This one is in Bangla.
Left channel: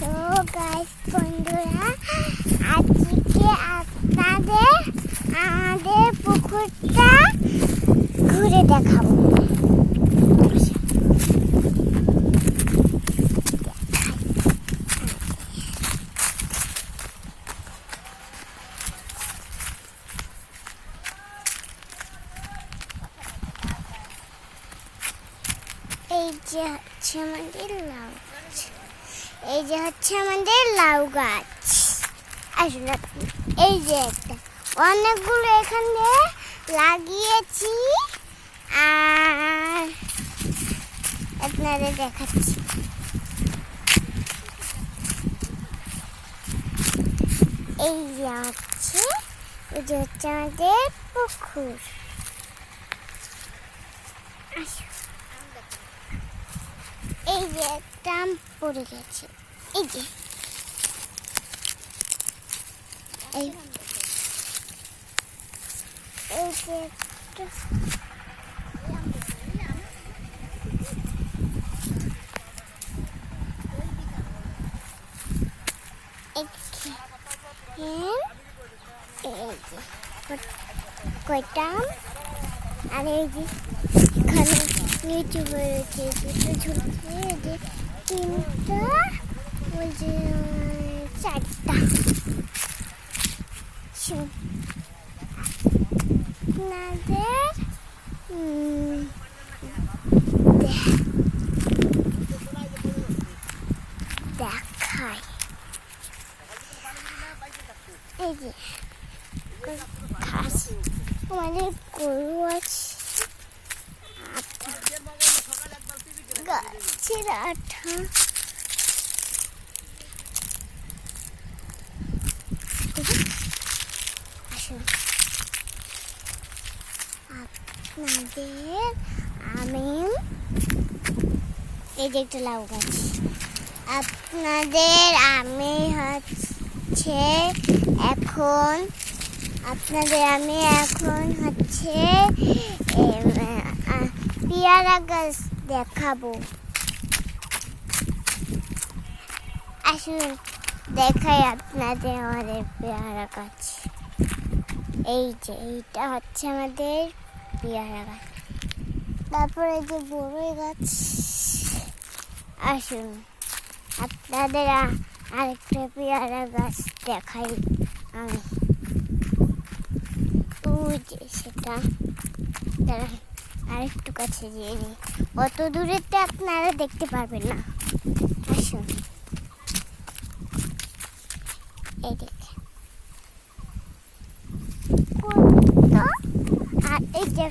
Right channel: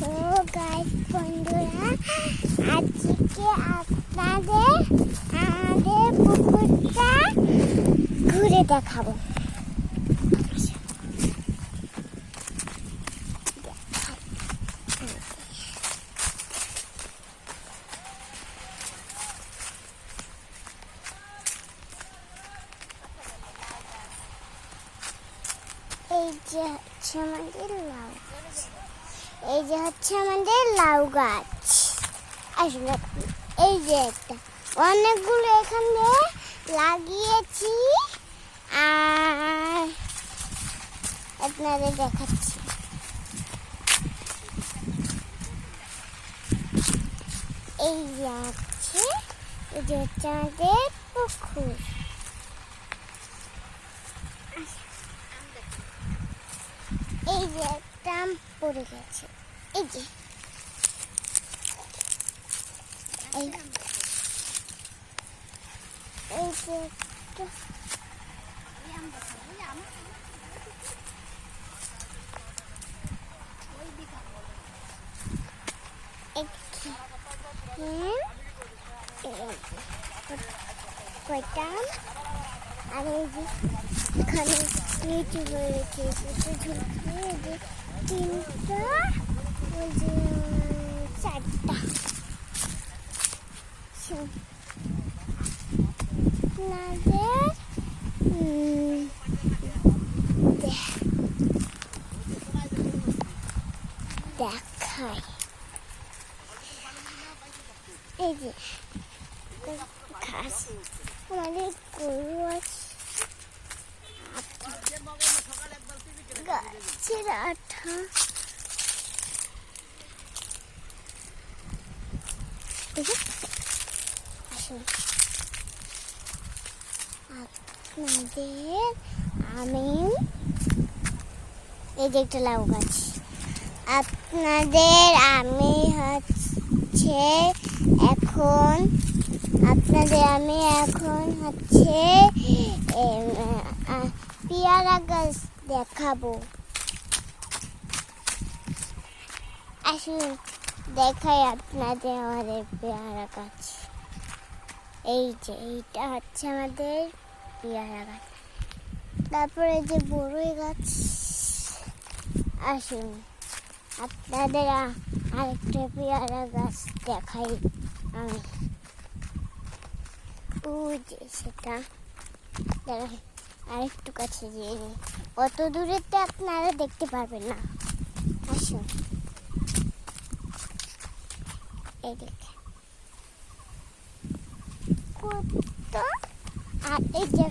তো গাইস বন্ধুরা, আজকে আপনাদের আমাদের পুকুরটা ঘুরে দেখাবো। এই যে হচ্ছে আমাদের লাউ গাছ, এই যে হচ্ছে আমাদের লাউ গাছ। আসলে এই যে একটা অনেকগুলো এখানে লাগিয়েছি, আর আপনাদের দেখাচ্ছি। এই যে হচ্ছে আমাদের পুকুর। এই যে একটা আম পড়ে গেছে, এই যে এই যে একটা কয়টা আর এই যে এখানে নিচে রয়েছে ঝুলছে, এই যে তিনটা, ওই যে চারটা। আপনাদের দেখায়, এই যে ঘাস, আমাদের গরু আছে, গাছের আঠা, আসুন আপনাদের আমি এই যে একটা লাউ গাছ, আপনাদের আমি হচ্ছে এখন হচ্ছে পেয়ারা গাছ দেখাবো। আসুন দেখাই আপনাদের আমাদের পেয়ারা গাছ। এই যে এইটা হচ্ছে আমাদের পেয়ারা গাছ, তারপরে যে বড়ই গাছ। আসুন আপনাদের আরেকটা পেয়ারা গাছ দেখাই আমি, ওই যে সেটা আরেকটু কাছে যেয়ে নিই, অত দূরেতে আপনারা দেখতে পারবেন না। আসুন এই দেখেন, আর এই যে